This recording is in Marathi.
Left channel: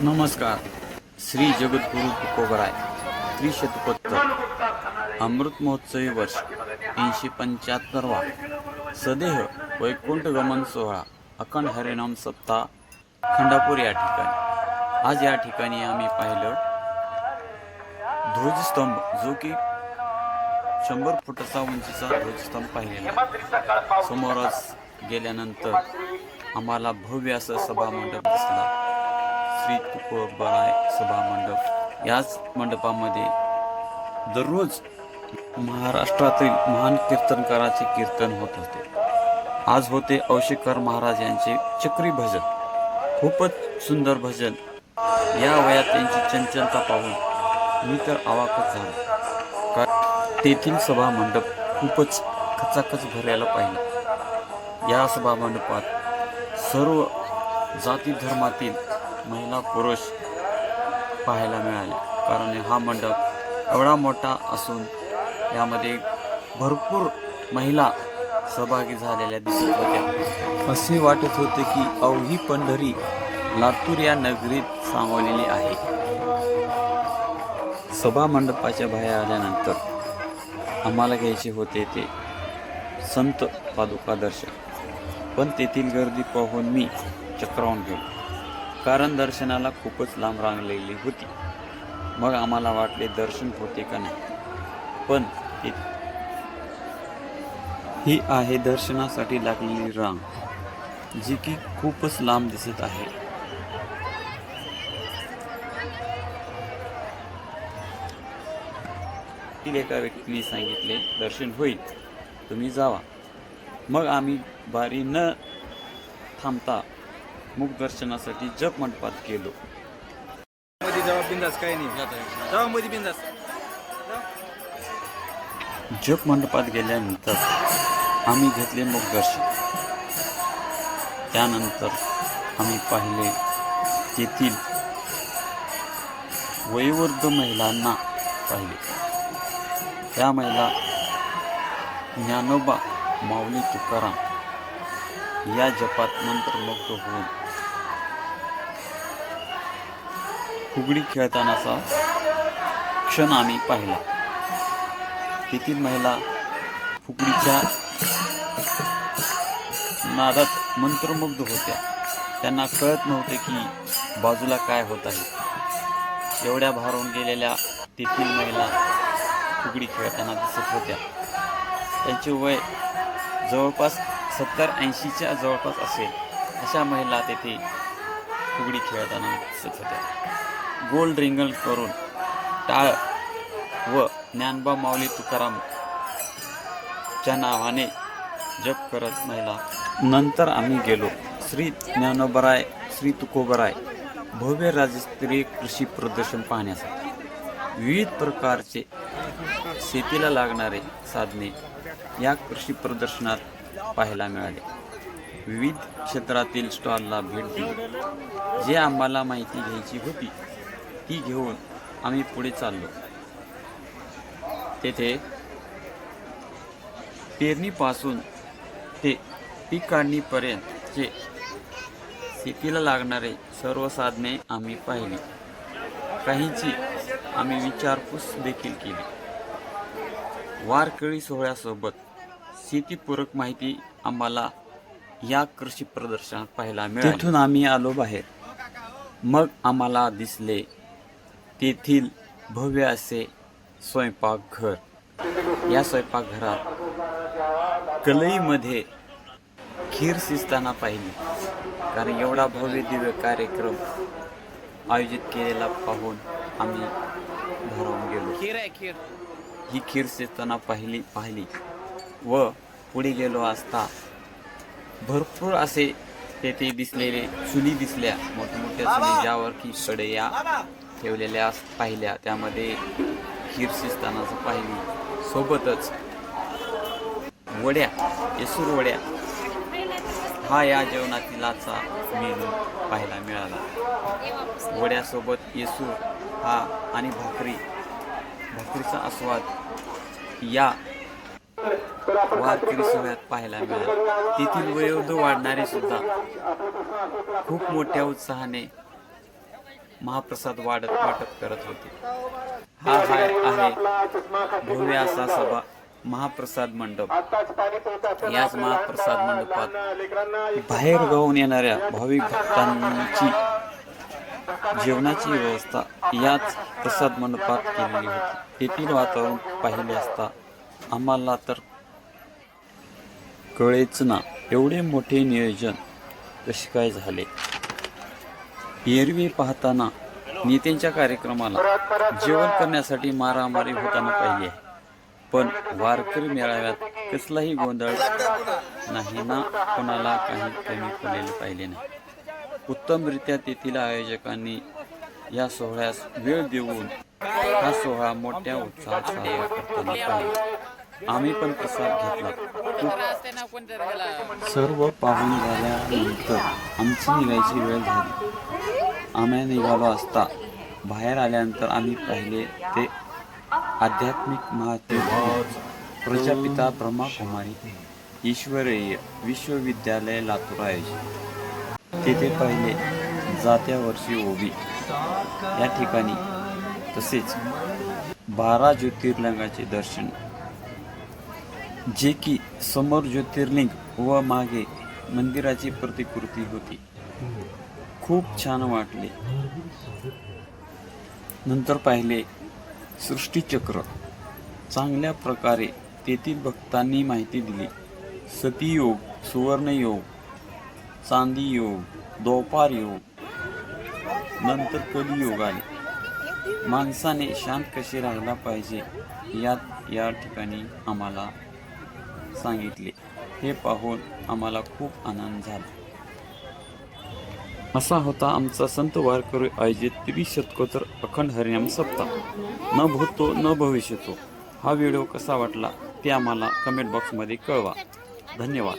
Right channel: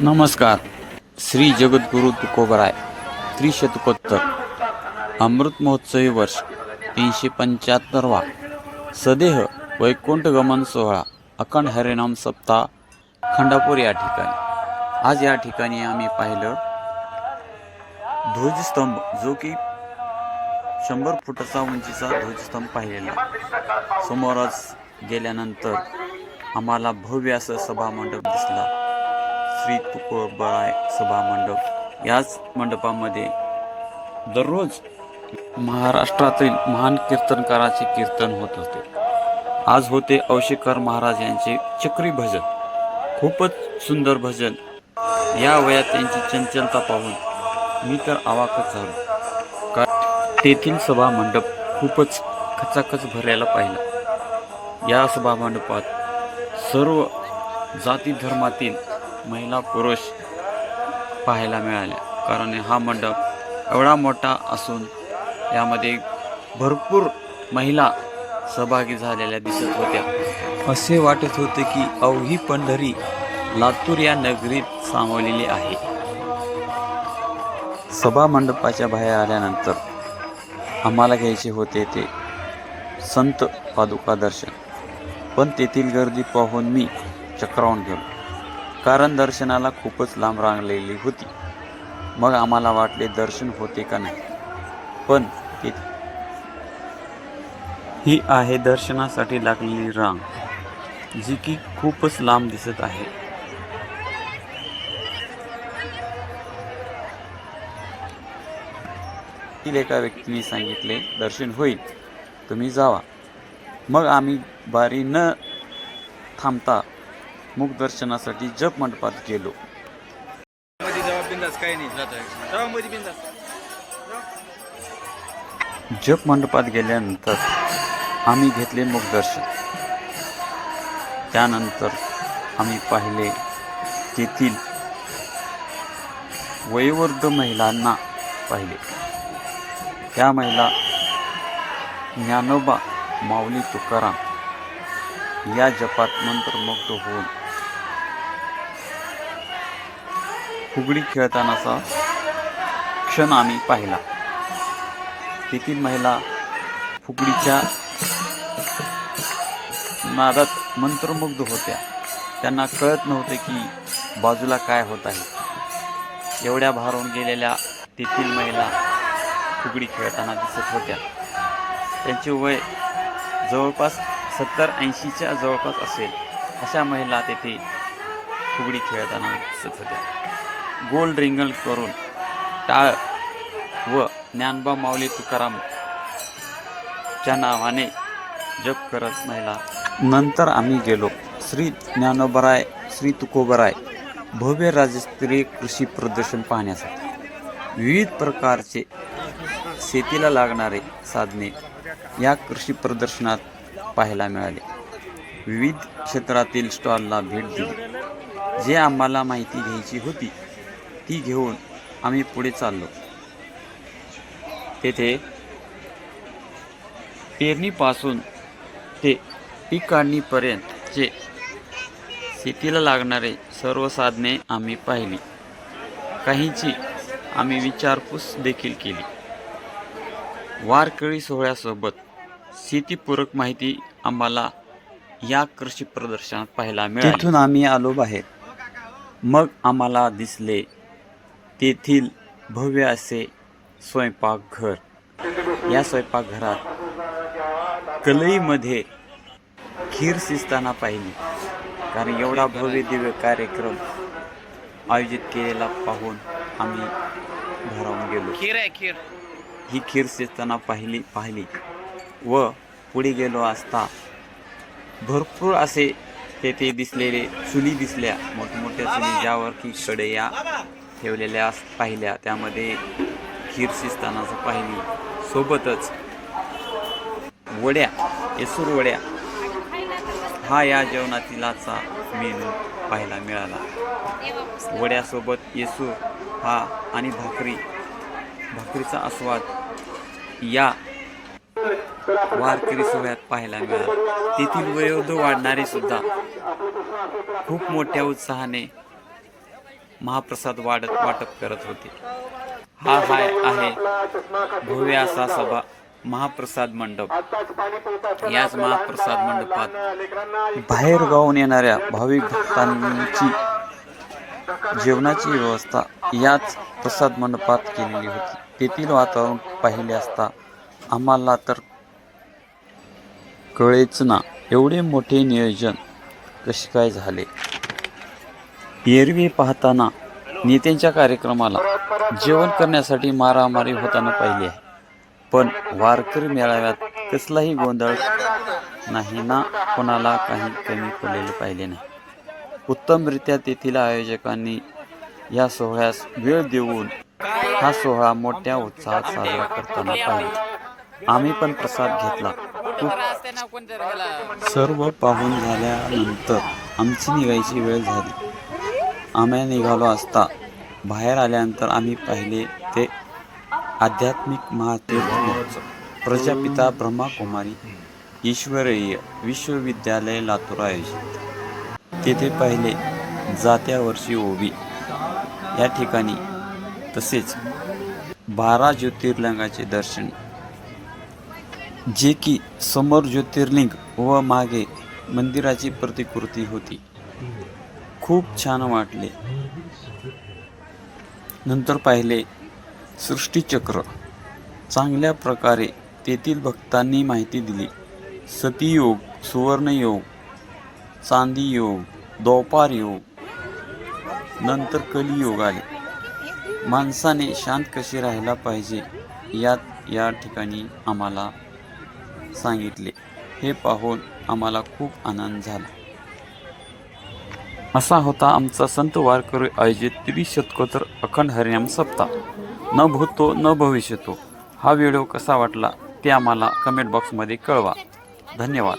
नमस्कार. श्री जगद्गुरु तुकोबराय त्रिशतकोत्तर अमृत महोत्सवी वर्ष 375वा सदेह वैकुंठ गमन सोहळा अखंड हरिनाम सप्ताह खंडापूर या ठिकाणी. आज या ठिकाणी आम्ही पाहिलं ध्वजस्तंभ, जो की 100 फुटाचा उंचीचा ध्वजस्तंभ पाहिलेला. समोरच गेल्यानंतर आम्हाला भव्य असं सभामंडप दिसला, श्री तुकोबराय सभामंडप. याच मंडपामध्ये दररोज महाराष्ट्रातील महान कीर्तनकाराचे कीर्तन होत होते. आज होते औशेकर महाराज यांचे चक्री भजन. खूपच सुंदर भजन. या वयात त्यांची चंचलता पाहून मी तर अवाकच झालो. तेथील सभामंडप खूपच खचाखच भरलेला पाहिला. या सभामंडपात सर्व जाती धर्मातील महिला पुरुष पाहायला मिळाल्या, कारण हा मंडप एवढा मोठा असून यामध्ये भरपूर महिला सहभागी झालेल्या दिसत होत्या. असे वाटत होते की अवघी पंढरी लातूर या नगरीत सामावलेली आहे. सभामंडपाच्या बाहेर आल्यानंतर आम्हाला घ्यायचे होते ते संत पादुका दर्शन, पण तेथील गर्दी पाहून मी चक्रावून गेलो, कारण दर्शनाला खूपच लांब रांगलेली होती. मग आम्हाला वाटले दर्शन होते का नाही, पण ही आहे दर्शनासाठी लागलेली रांग, जी की खूपच लांब दिसत आहे. एका व्यक्तीने सांगितले दर्शन होईल, तुम्ही जावा. मग आम्ही बारी न थांबता मुख दर्शनासाठी जप मंडपात गेलो. जप मंडपात गेल्यानंतर आम्ही घेतले मुख दर्शन. त्यानंतर आम्ही पाहिले तेथील वयोवृद्ध महिलांना पाहिले. त्या महिला ज्ञानोबा माऊली तुकाराम या जपात मंत्रमुग्ध होऊन फुगडी खेळतानाचा क्षण आम्ही पाहिला. तेथील महिला फुगडीच्या नादात मंत्रमुग्ध होत्या. त्यांना कळत नव्हते की बाजूला काय होत आहे. एवढ्या भारावून गेलेल्या तेथील महिला फुगडी खेळताना दिसत होत्या. त्यांचे वय जवळपास 70-80च्या जवळपास असेल. अशा महिला तेथे फुगडी खेळताना दिसत होत्या. गोल रिंगण करून टाळ व ज्ञानोबा माऊली तुकाराम च्या नावाने जप करत महिला. नंतर आम्ही गेलो श्री ज्ञानोबराय श्री तुकोबराय भव्य राज्यस्तरीय कृषी प्रदर्शन पाहण्यासाठी. विविध प्रकारचे शेतीला लागणारे साधने या कृषी प्रदर्शनात पाहायला मिळाले. विविध क्षेत्रातील स्टॉलला भेट दिली. जे आम्हाला माहिती घ्यायची होती ती घेऊन आम्ही पुढे चाललो. तेथे पेरणीपासून ते पीक काढणीपर्यंतचे शेतीला लागणारे सर्व साधने आम्ही पाहिली. काहींची आम्ही विचारपूस देखील केली. वारकरी सोहळ्यासोबत शेतीपूरक माहिती आम्हाला या कृषी प्रदर्शनात पाहायला मिळाली. तिथून आम्ही आलो बाहेर. मग आम्हाला दिसले तेथील भव्य असे स्वयंपाकघर. या स्वयंपाकघरात कलईमध्ये खीर शिजताना पाहिली, कारण एवढा भव्य दिव्य कार्यक्रम आयोजित केलेला पाहून आम्ही भारावून गेलो. ही खीर शिजताना पाहिली व पुढे गेलो असता भरपूर असे तेथे दिसलेले चुली दिसल्या, मोठमोठ्या चुली, ज्यावर की कढया ठेवलेल्या पाहिल्या. त्यामध्ये खीर शिजतानाच पाहिली. सोबतच वड्या, येसूर वड्या हा या जेवणातील आजचा मेनू पाहायला मिळाला. वड्यासोबत येसूर हा आणि भाकरीचा आस्वाद या वारकरी सोहळ्यात पाहायला मिळाला. तेथील वयोवृद्ध वाढणारे सुद्धा खूप मोठ्या उत्साहाने महाप्रसाद वाटप करत होते. हा आहे भव्य असा सभा महाप्रसाद मंडप. याच महाप्रसाद मंडपात बाहेर गावून येणाऱ्या भाविक भक्तांची जेवणाची व्यवस्था याच प्रसाद मंडपात केलेली होती. तेथील वातावरण पाहिले असता आम्हाला तर कळेच ना, एवढे मोठे नियोजन कसे काय झाले. एरवी पाहताना नेत्यांच्या कार्यक्रमाला जेवण करण्यासाठी मारामारी होताना पाहिली आहे, पण वारकरी मेळाव्यात कसलाही गोंधळ नाही ना, कोणाला काही कमी पडलेले पाहिले नाही. उत्तमरित्या तेथील आयोजकांनी या सोहळ्यास वेळ देऊन हा सोहळा मोठ्या उत्साहात साजरा करताना पाहिले. आम्ही पण प्रसाद घेतला. सर्व पाहून झाल्यानंतर आमची निघायची वेळ झाली. आम्ही निघालो असता बाहेर आल्यानंतर आम्ही पाहिले ते आध्यात्मिक महातीर्थ प्रजापिता ब्रह्माकुमारी ईश्वरीय विश्वविद्यालय लातूर आयोजित. तेथे पाहिले जात्या वर्षी ओवी या ठिकाणी, तसेच 12 ज्योतिर्लिंगाचे दर्शन, जे की समोर ज्योतिर्लिंग व मागे मंदिराची प्रतिकृती होती. खूप छान वाटले. नंतर पाहिले सृष्टीचक्र. चांगल्या प्रकारे तेथील भक्तांनी माहिती दिली. सतीयोग, सुवर्णयोग, चांदी योग, द्वापार योग, नंतर कलियोग आले. माणसाने शांत कसे राहायला पाहिजे या ठिकाणी आम्हाला सांगितले. हे पाहून आम्हाला खूप आनंद झाला. असा होता आमचा संत वारकरी आयोजित त्रिशतकोत्तर अखंड हरिनाम सप्ताह. न भूतो न भविष्यतो. हा व्हिडिओ कसा वाटला ते आम्हाला कमेंट बॉक्समध्ये कळवा. धन्यवाद.